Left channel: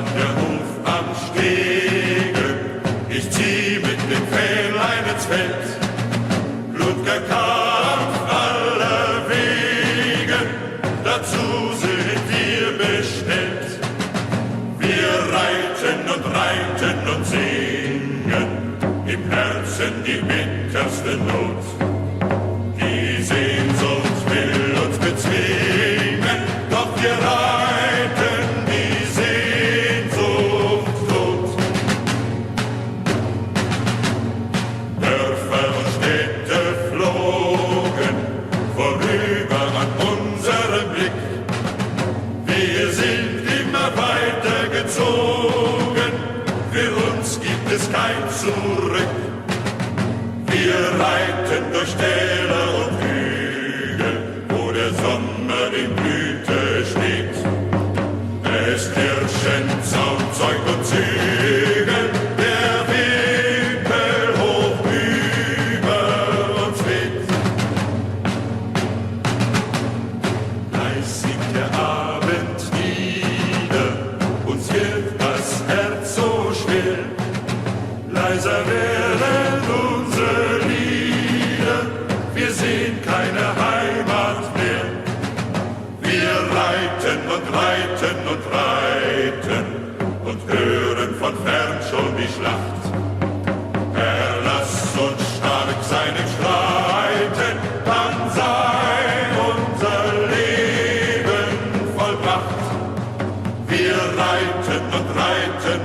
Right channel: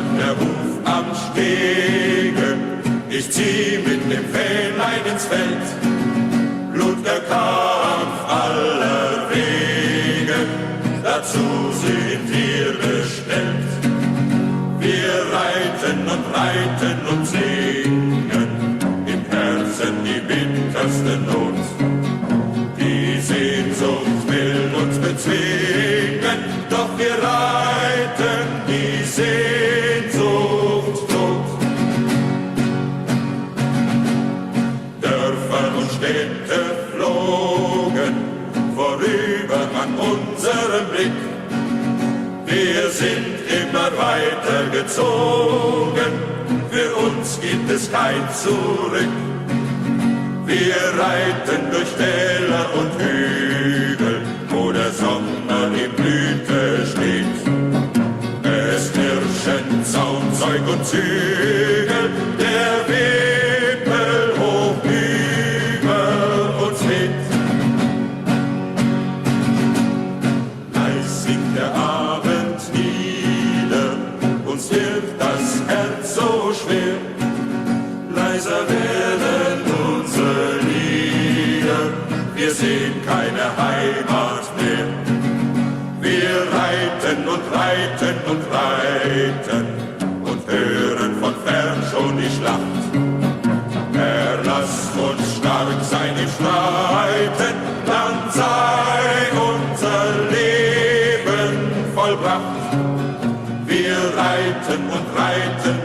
donnert der Huf am Stege, ich zieh mit dem Fähnlein ins Feld. Blutger Kampf aller Wege, dazu sind wir bestellt. Wir reiten und singen, im Herzen die bitterste Not. Die Sehnsucht will uns bezwingen, doch wir reiten die Sehnsucht tot. Dörfer und Städte flogen vorüber an unserem Blick. Wir sind immer weiter gezogen, für uns gibt es kein Zurück. Wir reiten durch Täler und Hügel, wo der Sommer in Blüte steht. Es herrschen Zaun, Zeug und Zügel, der Wimpel hoch über uns weht. Leis singt der Abend nieder, uns wird das Herz so schwer. Leiser werden unsere Lieder, wir sehen keine Heimat mehr. Wir reiten und hören von fern schon die Schlacht. Erlass uns stark sein im Streiten, dann sei unser Leben vollbracht. Wir reiten und reiten.